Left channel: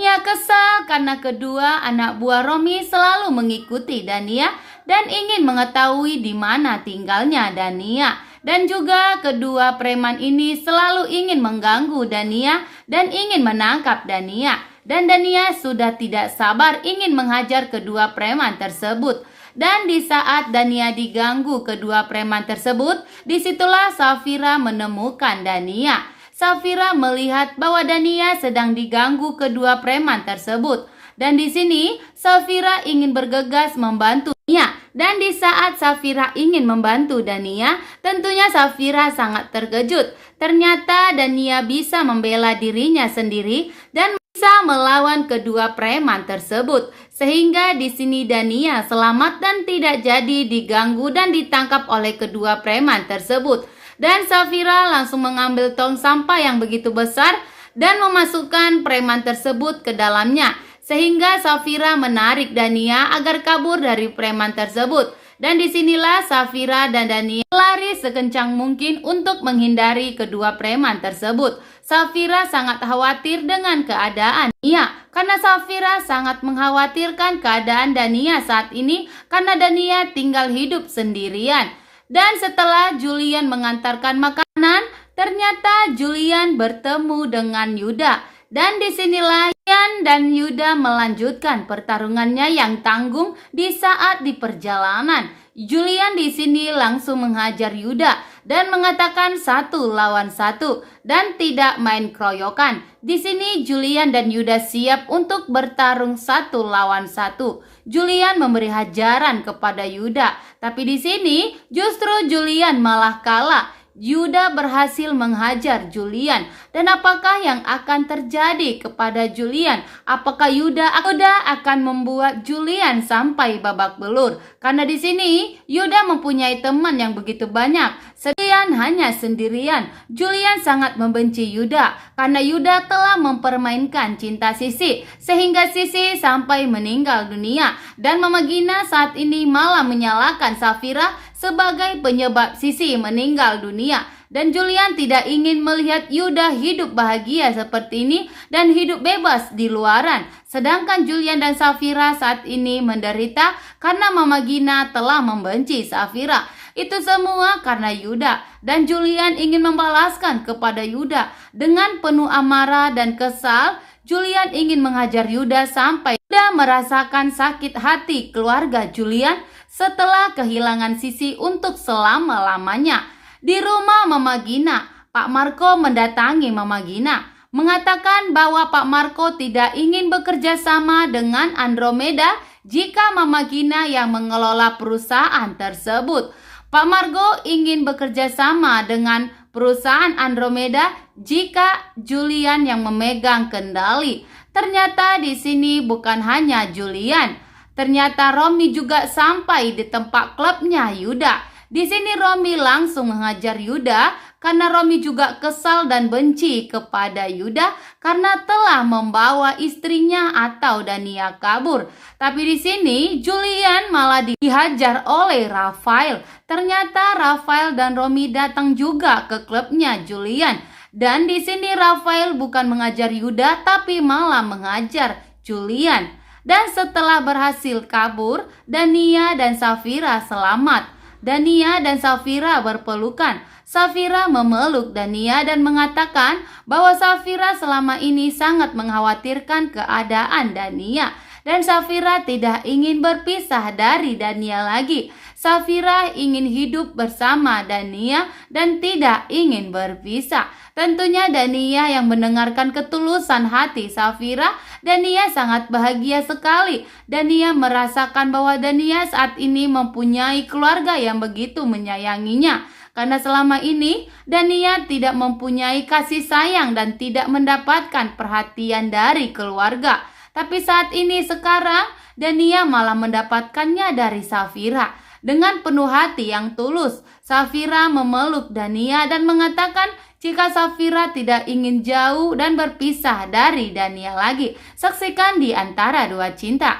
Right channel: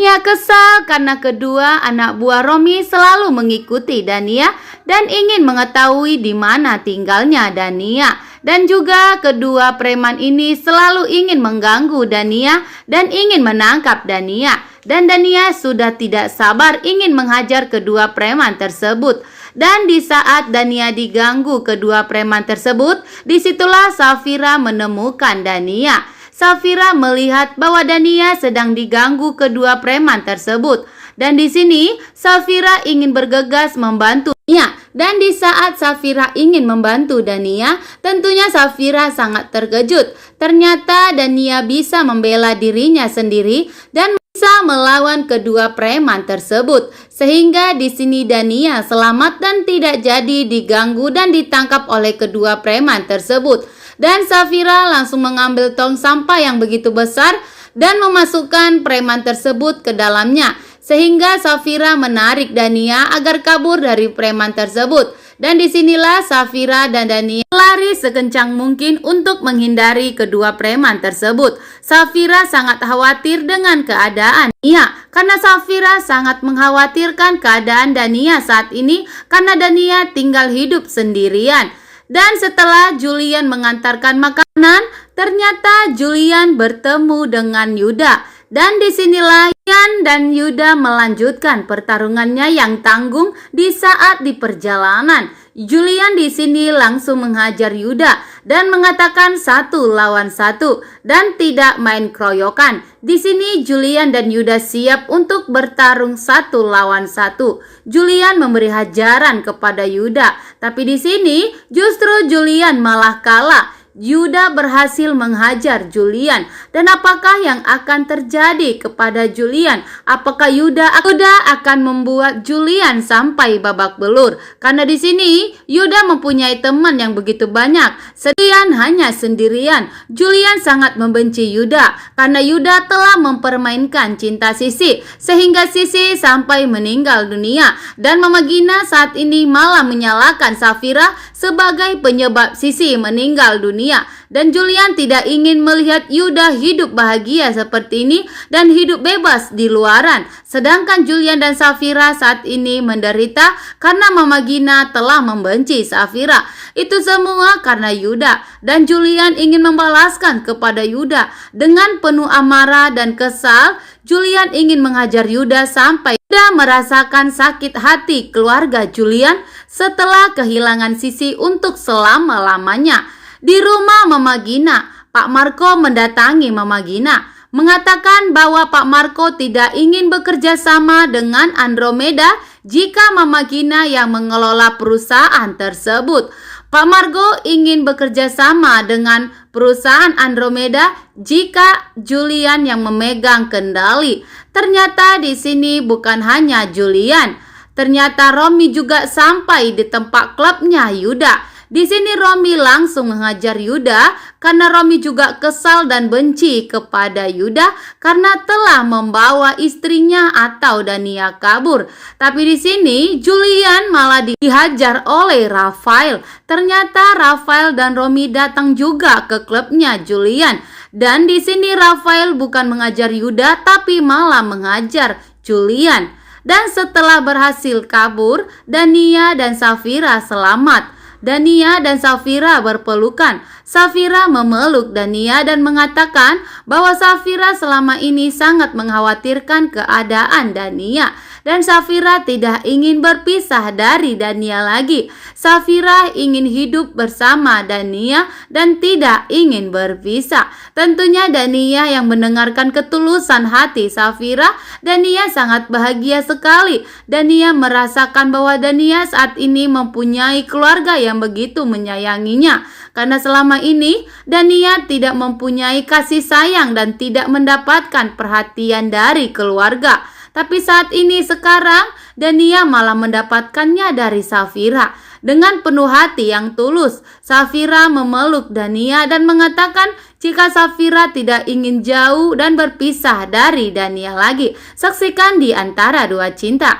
Dania kesal karena kedua anak buah Romi selalu mengikuti Dania dan ingin mengetahui di mana tinggalnya Dania. Dan juga kedua preman ini selalu ingin mengganggu Dania dan ingin menangkap Dania. Dan Dania sudah tidak sabar ingin menghajar kedua preman tersebut. Dan di saat Dania diganggu kedua preman tersebut, disitulah Safira menemukan Dania. Safira melihat bahwa Dania sedang diganggu kedua preman tersebut. Dan di sini Safira ingin bergegas membantu Dania. Dan di saat Safira ingin membantu Dania, tentunya Safira sangat terkejut. Ternyata Dania bisa membela dirinya sendiri dan bisa melawan kedua preman tersebut. Sehingga di sini Dania selamat dan tidak jadi diganggu dan ditangkap oleh kedua preman tersebut. Dan Safira langsung mengambil tong sampah yang begitu besar dan memasukkan preman tersebut ke dalamnya. Sehingga Safira menarik Dania agar kabur dari preman tersebut. Dan disinilah Safira dan Dania lari sekencang mungkin untuk menghindari kedua preman tersebut. Safira sangat khawatir dengan keadaan Dania karena Safira sangat mengkhawatirkan keadaan Dania saat ini karena Dania tinggal hidup sendirian. Dan setelah Julian mengantarkan makanan, ternyata Julian bertemu dengan Yuda. Dan disinilah Julian dan Yuda melanjutkan pertarungannya yang tanggung di saat di perjalanan. Julian di sini langsung menghajar Yuda dan mengatakan 1 lawan 1 dan tidak main keroyokan. Di sini Julian dan Yuda siap untuk bertarung 1 lawan 1. Julian memberi hajaran kepada Yuda, tapi di sini justru Julian malah kalah. Yuda berhasil menghajar Julian. Dan apakah yang akan terjadi kepada Julian? Apakah Yuda akan membuat Julian sampai babak belur? Karena di sini Yuda mempunyai teman yang begitu banyak. Julian hanya sendirian. Julian sangat membenci Yuda karena Yuda telah mempermainkan cinta Sisi sehingga Sisi sampai meninggal dunia. Dan Mama Gina saat ini malah menyalahkan Safira sebagai penyebab Sisi meninggal dunia. Dan Julian tidak ingin melihat Yuda hidup bahagia seperti ini dan hidup bebas di luaran. Sedangkan Julian dan Safira saat ini menderita karena Mama Gina telah membenci Safira. Itu semua karena Yuda. Dan Julian ingin membalaskan kepada Yuda. Dengan penuh amarah dan kesal, Julian ingin menghajar Yuda sampai Yuda merasakan sakit hati keluarga Julian setelah kehilangan Sisi untuk selama-lamanya. Di rumah Mama Gina, Pak Marco mendatangi Mama Gina, mengatakan bahwa Pak Marco tidak ingin bekerja sama dengan Andromeda jika Mama Gina yang mengelola perusahaan tersebut. Pak Marco ingin bekerja sama dengan perusahaan Andromeda jika Julian yang memegang kendali. Ternyata di sini bukan hanya Julian, ternyata Romi juga sampai di tempat klubnya Yuda. Di sini Romi langsung menghajar Yuda karena Romi juga kesal dan benci kepada Yuda karena telah membawa istrinya atau Dania kabur. Tapi di sini Julian malah dihajar oleh Rafael. Ternyata Rafael dan Romi datang juga ke klubnya Julian. Dan di sini Rafael bukan mengajar Yuda tapi malah mengajar Julian. Dan setelah berhasil kabur, Dania dan Safira selamat. Dania dan Safira berpelukan. Safira memeluk Dania dan mengatakan bahwa Safira selama ini sangat mengkhawatirkan keadaan Dania. Dan Safira tidak ingin berpisah dari Dania lagi. Safira ingin hidup bersama Dania dan tidak ingin berpisah. Tentunya Dania yang mendengarkan ketulusan hati Safira, Dania sangat bahagia sekali. Dania merasakan bahwa Dania saat ini mempunyai keluarga yang begitu menyayanginya. Karena selama ini Dania tidak mempunyai kasih sayang dan tidak mendapatkan perhatian dari keluarga. Tapi saat ini sekarang Dania malah mendapatkannya dari Safira. Dengan penuh hati yang tulus, Safira memeluk Dania dan mengatakan jika Safira tidak ingin jauh dan berpisah dari Dania lagi. Saksikan di Antara Dua Cinta.